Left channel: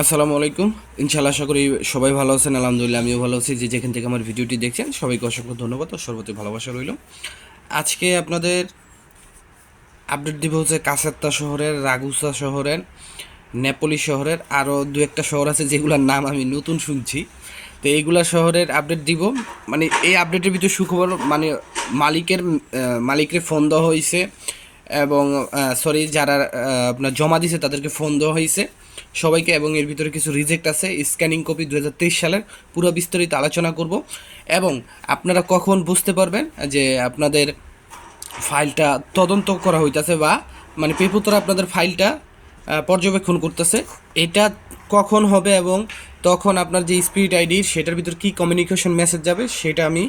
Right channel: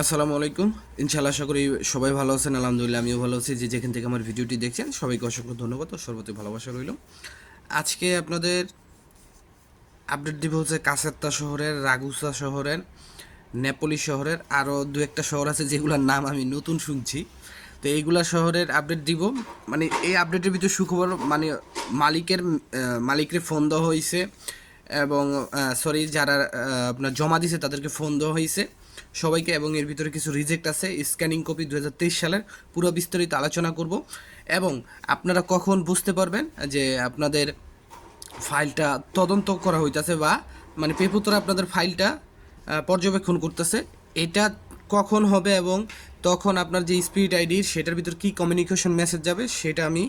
আসসালামু আলাইকুম। ইনশাআল্লাহ আশা করি সবাই ভালো আছেন। আলহামদুলিল্লাহ আমিও ভালো আছি। যে যেখান থেকে আমার ভিডিওটি দেখছেন সবাইকে অসংখ্য ধন্যবাদ ও সর্বতি ভালোবাসা রইল। আজকে আপনাদের আপডেট দিব হচ্ছে কাসাত্তা শহরের, রাগুসা শহরের, নেপোলি শহরের, আরও দু একটা শহর আছে যেগুলোর নাম আমি নতুন শুনছি। তো এইগুলা শহরের আপডেট দিব। মানে এই আপডেটের ভিতরে সুখবর, মানে মালিকের ফোন দেওয়া হয়েছে এবং সরি যারা আপনার জমা দিছে তাদেরকে ফোন দেওয়া হয়েছে সবাইকে, এবং এর ভিতরে কিছু রিজেক্ট আছে। স্ক্যানিং কপি 2023 সালের পুরো বিস্তারিত আলোচনা করব এবং আপনারা কখন বুঝতে পারবেন যে আপনাদের ফাইলটা তদন্ত করা হইতাছে বা মানে পেপুতরা আপনাদের ফাইলটা পর্যবেক্ষণ করতেছে, এটা কখন হবে এবং তখন আপনার যে স্পিরিট আইডির সেটার ভিতর কী কমিউনিকেশন মেসেজ যাবে সেটা আমি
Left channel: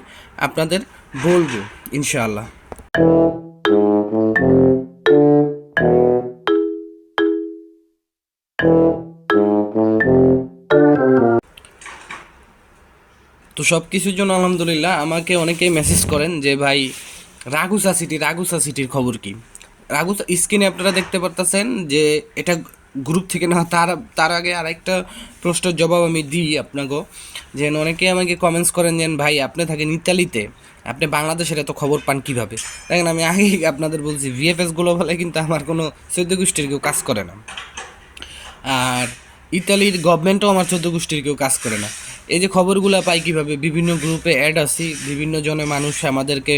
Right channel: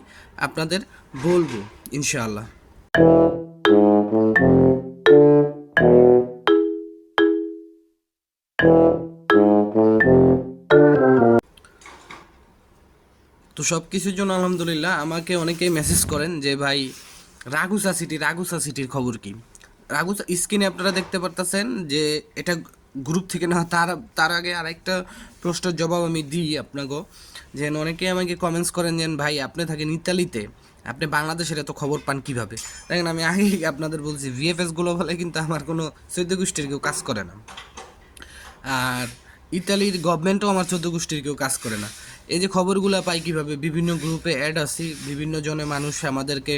আপনাদের বলবো ইনশাআল্লাহ। তো সব কিছুর জন্য আলহামদুলিল্লাহ। আমাকে অনেকেই মেসেজ করেন যে ভাই রাগুসা সিটির খবর কি। রাগুসা স্ক্রিনে আপনারা দেখতে পারতেছেন যে এটা গ্রুপ থেকে না। তার আগে আরেকটা প্রশ্নের জবাব আমি দিই আপনাকে। যে অনেকে আমাকে কমেন্টস করেন যে ভাই আপনি থাকেন ইতালিতে, আপনি বাংলাদেশের এত খবর পান কীভাবে। দেখেন আমি আগেই আপনাদের বলছি ভিএফএস গ্লোবালে কিন্তু আমার কোনো চৌদ্দ গোষ্ঠীর কেউ কাজ করে না, আর ইতালির গভর্নমেন্টও আমার চৌদ্দ গোষ্ঠীর কেউ কাজ করে না। এই যে খবরগুলো পাই কীভাবে, বিভিন্ন গ্রুপে অ্যাড আছি, বিভিন্ন জনে মানুষ আমাদেরকে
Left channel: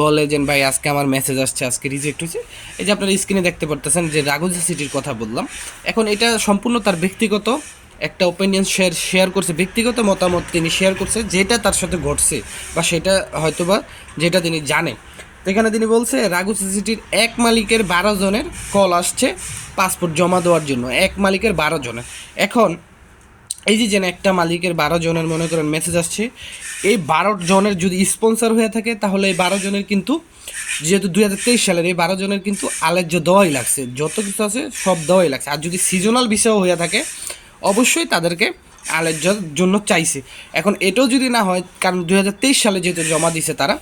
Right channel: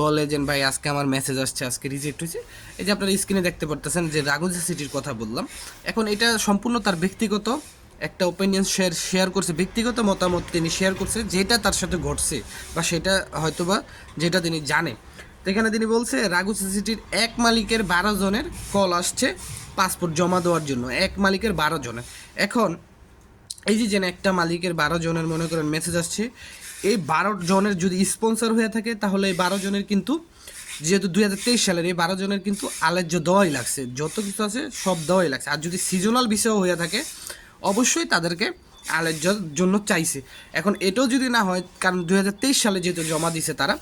বলে যে ভাই আজকে আমার মেসেজ আসছে, আজকে রিজেক্ট হয়েছে। এই যে আপনারা স্ক্রিনে দেখতে পারতেছেন যে রাগুজা সিটির কথা বললাম। এখন এটা সম্পূর্ণ তার ব্যক্তিগত একটা ওপিনিয়ন শেয়ার করছে, ব্যক্তিগত মতামত তিনি শেয়ার করছে যেটা তার সাথে ঘটছে বা সেটা হয়তোবা যেটা তিনি জানে। তো এখানে তিনি বলছে রাগুসা সিটির এক মালিকের 12 জনের কল আসছে পাসপোর্ট জমা দেওয়ার জন্য। এক মালিকের 12 জনের। এখন এই যে একটা মালিকের 12 জনের মনে করেন মেসেজ আসছে, এই 12 জনের যদি স্পন্সর হয়ে থাকে তাহলে এই 12 জনের কিন্তু, যেহেতু 2023 সালের, এই 12 জনের কিন্তু আলেজ্য দেওয়াই লাগছে, যত কিছু আছে সব দেওয়াই লাগছে। আর যদি সিজনাল বিষয় হয়ে থাকে অবশ্যই তাদেরকে আলেজ্যর জন্য চাইছে। এখন এটাও যদি না হয়, কারণ 2023 সালে যেহেতু জমা দিছে তারা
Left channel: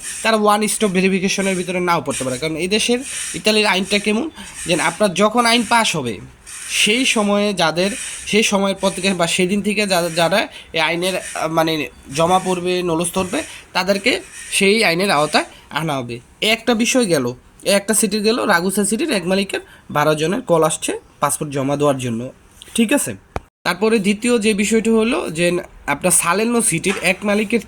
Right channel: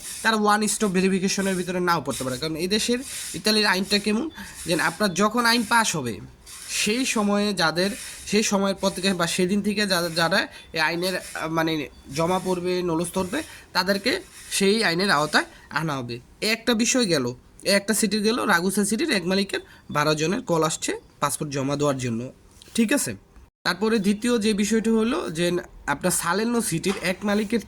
ওয়ান স্টপ ভেরিফিকেশনের ভিতরে নাও পড়তে পারে। কারণ এই দেশের ইতালির আইনটা কেমন, যে আপনার যখন আইন পাস হবে সেই সময়ে সেই সময়ের পর থেকে বা সেদিন থেকে যারা এই আইনের মানে জমা পড়বে, নলস ধরবে, তাদেরকে সেই আইনের আওতায় আনা হবে। একটা বিষয় গেল, একটা সিটির গেল, রাগুসা সিটির এক মালিকের 12 জনের কল আসছে পাসপোর্ট জমা দেওয়ার জন্য। ঠিক আছে। তারপরে দ্বিতীয় যে বিষয়টি হলো যে আপনার সালেনো সিটির এক মালিকের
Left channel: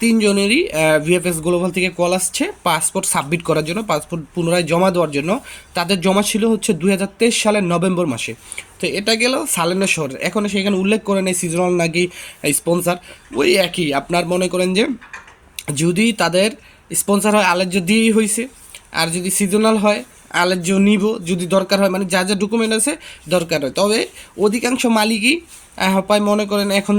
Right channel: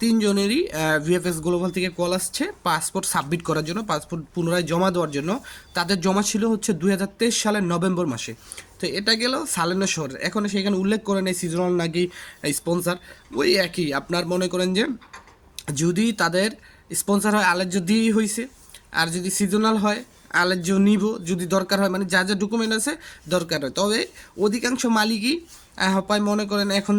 তিনজনেরই ভিএফএস গ্লোবাল থেকে কল আসছে পাসপোর্ট সাবমিট করার জন্য, পাসপোর্ট পুনরায় জমা দেওয়ার জন্য। তাদের জমা ছিল হচ্ছে 2023 সালের নভেম্বর মাসে। তো এটা গেল সালেনো শহরের। এখন সেখানে উল্লেখ করে নেই সিজনাল নাকি স্পন্সার, ওই একই। আপনার মনে করেন যে যদি তাদের স্পন্সার হয় আলেজ্য দিয়েই হয়েছে, আর যদি সিজনাল হয় আলেজ্য নিব যদি দরকার হয়, মানে যা যা ডকুমেন্ট আছে দরকার হয়। তবে অধিকাংশ মালিকই হয় মনে করেন এখন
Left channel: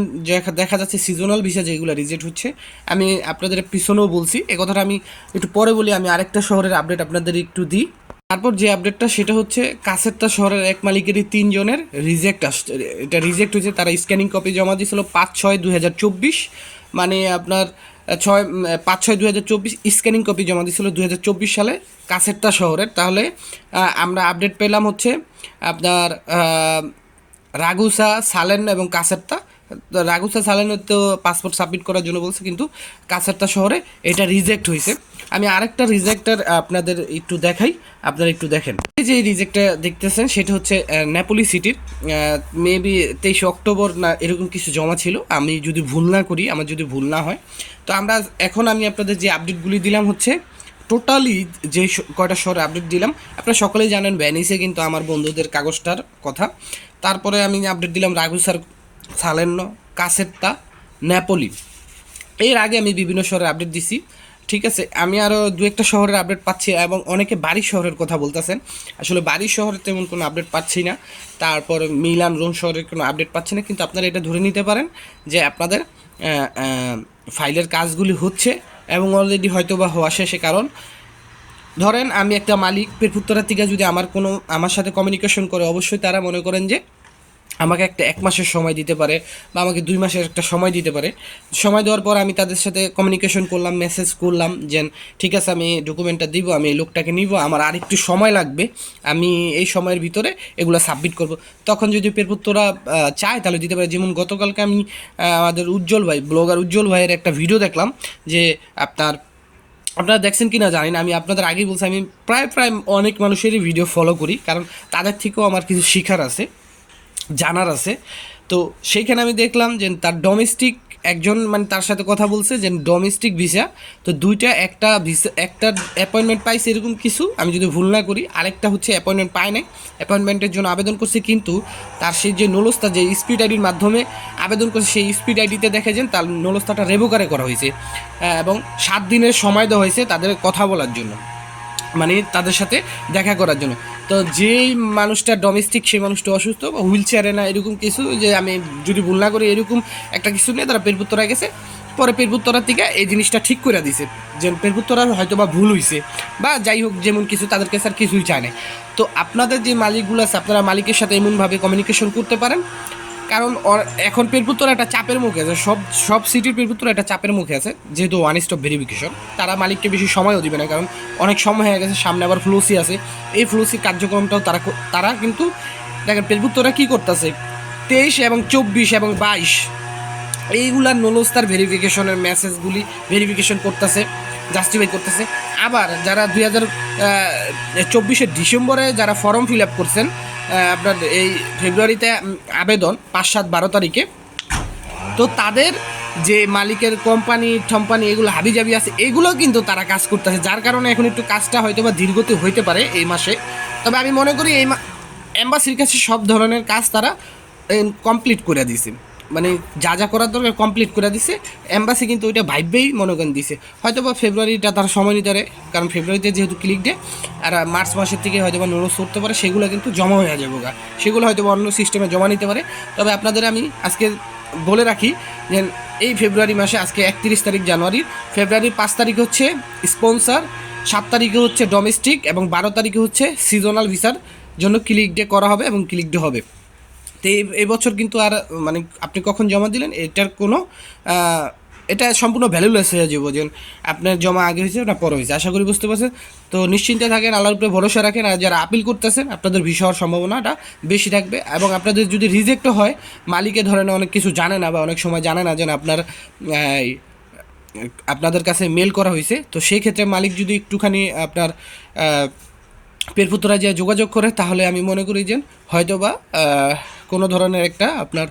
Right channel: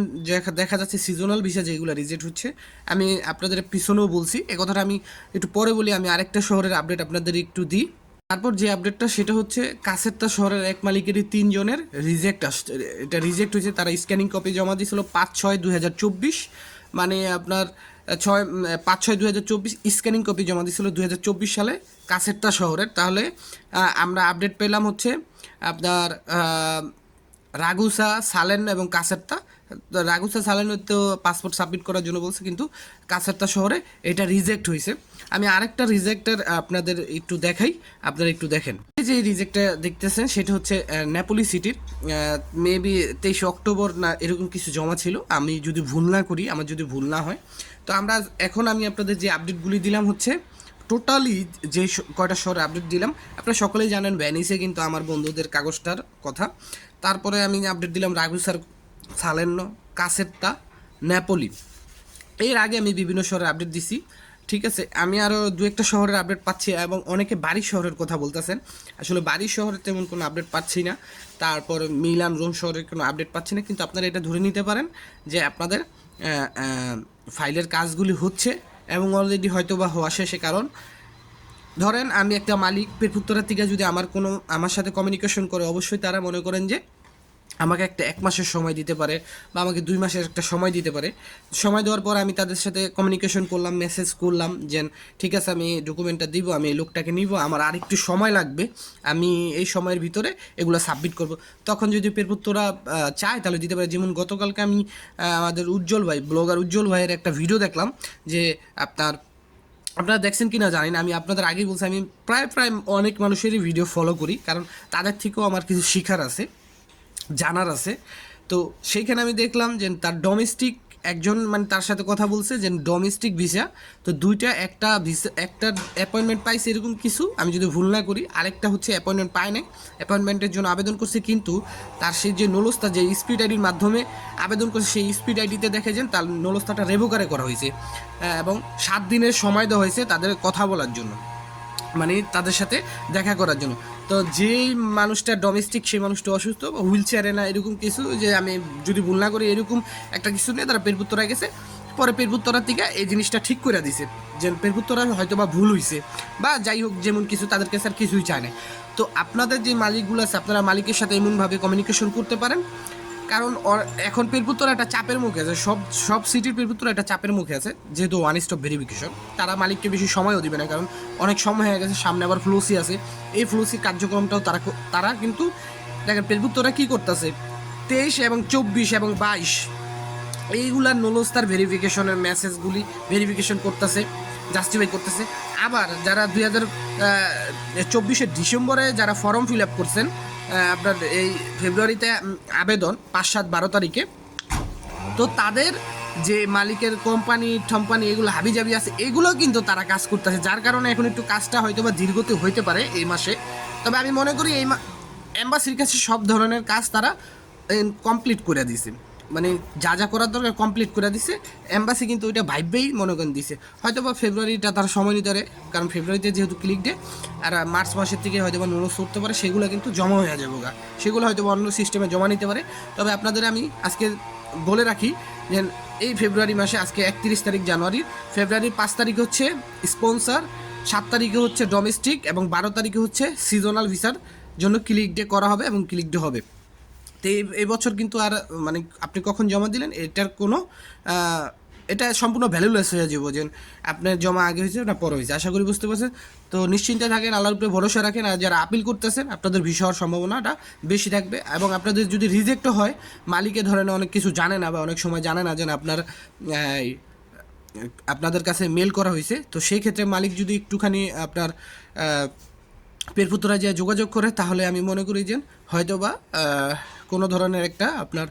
দেখা যাচ্ছে সিজনাল ভিসা যেগুলো রিজেক্ট হচ্ছে। আমি আপনাদের পিছনেও বলছি এ কথাটা, আমি একটু পরে বলি। আমি আরেকটা শহরের আপডেট আপনাদের একটু দিই। তারপর যে আপডেটটা সেটা হচ্ছে কাসেরটা শহরের এক মালিকেরই 3 জনের রিজেক্ট আসছে। এটা রিজেক্ট হয়েছে, তারা স্ক্যানিং কপি জমা দিয়েছিল 5/6/2024, মানে আপনার 5/6/2024 স্ক্যানিং কপি জমা দিয়েছিল 2024 সালে কাসেরটা শহরের। তাহলে আমরা আপডেট পেলাম হচ্ছে আপনার রাগুসা, সালেন এবং কাসেরতা। রাগুসা সালেনের তো পাসপোর্ট সাবমিট করার জন্য বলছে, কিন্তু কাসেরতা শহরে এটা রিজেক্ট হয়েছে। আমি আরেকটা রিজেক্টার আপনাদের একটু দেখাই, আপনারা একটু দেখেন। এই যে রিজেক্টটা দেখতেছেন সেটা হচ্ছে নেপোলি সিটির, মেবি 23 অক্টোবর না এরকম কিছু জমা ছিল, আমি যদি ভুল না করি, আমার যদি ভুল না হয়। তো আমি আপনাদের যে আপডেটগুলি দিলাম হচ্ছে টোটালি যে কয়টা শহরে আপডেট দিলাম। আপনারা সকলেই জানেন ভ্যানিসে কিন্তু আমার বন্ধুদের কাগজটার কথা। তারপরে আমি আপডেট দিলাম রাগুসার, সালের্নো, কাসেত্তা, নেপোলি। এর আগে আমি বিভিন্ন শহরের আপডেট দিছি। ঠিক আছে, আমি আরও দু একটা শহরের আপডেট পাচ্ছি এবং অনেকে বাড়ির শহরের কথা বলতেছেন। আসলে বাড়ির শহরে তেমন কোনো আপডেট পাচ্ছি না। তারপর মিলান, রোম শহরের কোনো আপডেট পাচ্ছি না। কিন্তু আপনারা এটা ধরে নিতে পারেন যে আপনাদের ফাইলের কাজগুলি হচ্ছে এবং অলরেডি হয়তো বা হওয়া শেষে। কারণ ধরেন আমি একটা মালিক পেরপুত্তরা থেকে যদি আমার সাথে কমিউনিকেশন করে, অবশ্যই তারা মনে করেন যে আমাকে একটা 1 মাসের সময় দিতে পারে বা আমাকে 2 মাসের একটা সময় দিতে পারে। সময় দেওয়ার পর আমি তাদের সাথে কমিউনিকেশন করলাম, মেসেজ করলাম যে ঠিক আছে আমি ডকুমেন্টটা দিব, আমি এই লোকটাকে নিব, আমার আর একটু সময় লাগবে, আমি এই সময়ের ভিতরে এগুলো সাবমিট করব। তখন যদি পেরপুত্ররা চায় তাহলে দিতে পারে। যেমন গতকালকে আমি আমাদের উজ্জ্বল ভাই, ব্লগার উজ্জ্বল ভাইয়ের একটা ভিডিও দেখলাম যে আপনারা দেখছেন কি না জানি না, আমি আপনাদের আগেই বলছি আমি প্রায় প্রায় অনেক মানুষেরই ভিডিও ফলো করি, কারণ তাদের থেকেও আমার কিছু শেখার আছে, জানার আছে। তো সেইখানে আমি দেখলাম যে তার ডোমেস্টিক একজন মানে তার সাথে কথা বলছে যে ডোমেস্টিক ভিসা, তো দুইটা, একটা ভিসা একটা অ্যাপয়েন্টমেন্ট পাইছে এরকম কিছু, আমি যদি ভুল না করি, আরেকটা হচ্ছে অ্যাপয়েন্টমেন্ট পায় নাই, অ্যাপয়েন্টমেন্টের জন্য আবেদন করছে, কিন্তু তার সেই যে নলস্তা যে স্পিড আইডির মাধ্যমে আবেদন করছে সেই স্পিড আইডিতে দেখে যে তার নলস্তাটা রেভোকারে করা হয়েছে, এবং 7 দিনের সময় দেওয়া হয়েছে তাদের কথা বলার জন্য, মানে তাদের সাথে দেখা করার জন্য। তো যেই মানুষটা ডোমেস্টিক সেই মানুষটা অসুস্থ বা হুইল চেয়ারে না এরকম কিছু, যে আমি যদি ভুল না করি এরকম একটা কিছু নিয়ে তারা পেরপুত্তরা গেছে, পরে পেরপুত্তরার থেকে এই জিনিসটা ঠিক করে দিছে যে পেরপুত্তরার হয়তো বা ভুল হয়েছে বা যাই হোক, যেমন কিছু তাদেরকে স্যার কিছুই চায় না। তো আপনাদের যে মালিকগুলো আছে আপনারা মালিকের সাথে এমনভাবে কমিউনিকেশন করতে পারেন, কারণ এখন পেরপুত্তরা একটা চাপের মুখে আছে, সব সব সিটির পেরপুত্তরা একটা চাপের মুখে আছে, যেহেতু ওয়ান স্টপ ভেরিফিকেশন, তারা মালিককে বেশি সময়ও দিবে না, কারণ অনেক সময় হয়ে গেছে, সামনে আবার ফ্লোসি আছে, এই ফ্লোসি কার্যক্রমটাও তারা কিন্তু দেখেন পেরপুত্তরা কী করতেছে, 23 এবং 24 এবং 22 এইগুলার নলস্তার ভেরিফিকেশনের মেসেজগুলি ভেরিফিকেশন করতেছে, জাস্টিফাই করতেছে। আবার যারা 2024 ডিসেম্বরে যারা ফর্ম ফিল আপ করছেন, আপনার এই ফেব্রুয়ারিতে আবেদন 5, 7, 12 তারিখে, তো তাদের যে মালিকের কোম্পানি এগুলো হাবিজাবি আছে, এগুলোও কিন্তু তারা কাজ করতেছে, যার কারণে এখন একটু কাজটা হয়তো বা ধীরগতি হইতে পারে এই মাসে। তবে আমি মনে করি এই এম্বাসির কাছে সব ধরনের কাজ তারা কমপ্লিট করে দিছে, মানে যা যা করার দরকার কমপ্লিট করে দিছে। এম্বাসি কিন্তু ওইটা ভাইবেই মনে করেন দিছে, হয়তো বা ফেব্রুয়ারিটা তার সময় নিতে পারে, কারণ ফেব্রুয়ারিতে যেহেতু ক্লিক ডে, আর মার্চ মাসের থেকে হয়তো বা নোটিস করতে পারে, সেগুলো কিন্তু জমা হয়ে যাবে, সেগুলো হয়তো বা অন্য সিস্টেমে জমা নিতে পারে। তবে আপনাদের আমি আজকে বলে রাখি যে এই ফেব্রুয়ারি মাসে, আজকে 31 তারিখ জানুয়ারি, ফেব্রুয়ারির 5 তারিখে হচ্ছে স্পন্সার, 7 তারিখে হচ্ছে ডোমেস্টিক এবং 12 তারিখে হচ্ছে সিজনাল ভিসার জন্য ক্লিক ডে করা হবে এবং ক্লিক ডে হবে। তো এই বছর কিন্তু আর মানে আপনি কখন জমা দিলেন এটার কোনো এটা সম্পূর্ণ ভ্যালুলেস হয়ে যাবো, যে আপনার জমা আগে হয়েছে না পরে হয়েছে। আশা করি বুঝতে পারছেন। তো নিশ্চিন্তে থাকেন, আল্লাহর উপরে ভরসা রাখেন, আর যারা আপিল করতেছেন আপনাদের ভিসা হওয়ার সম্ভাবনাটা বেশি থাকবে, এবং আপনাদের যদি রিজেক্টও হয়, মালিকে ধরেন অনেক কিছু জানে না বা অনেক সময় জানে না যেন আপনাদের কাছে মেল করা হয়েছে, তো সেই ক্ষেত্রে মালিক যদি একটুখানি আপনার পেরপুত্রা যে যোগাযোগ করে, তাহলে আমি মনে করি যে হয়তো বা কোনো ধরনের একটা আপনার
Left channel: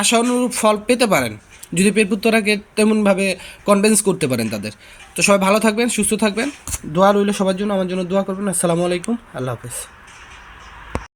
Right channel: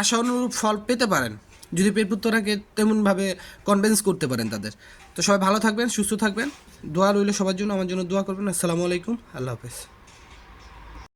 আশানুরূপ ফল পেতে পারেন, যদি পেরপুত্তরাকে তেমনভাবে কনভিন্স করতে পারেন তাদের। তো সবাই ভালো থাকবেন, সুস্থ থাকবেন, দোয়া রইল সবার জন্য, আমার জন্য দোয়া করবেন। আসসালামু আলাইকুম, আল্লাহ হাফেজ।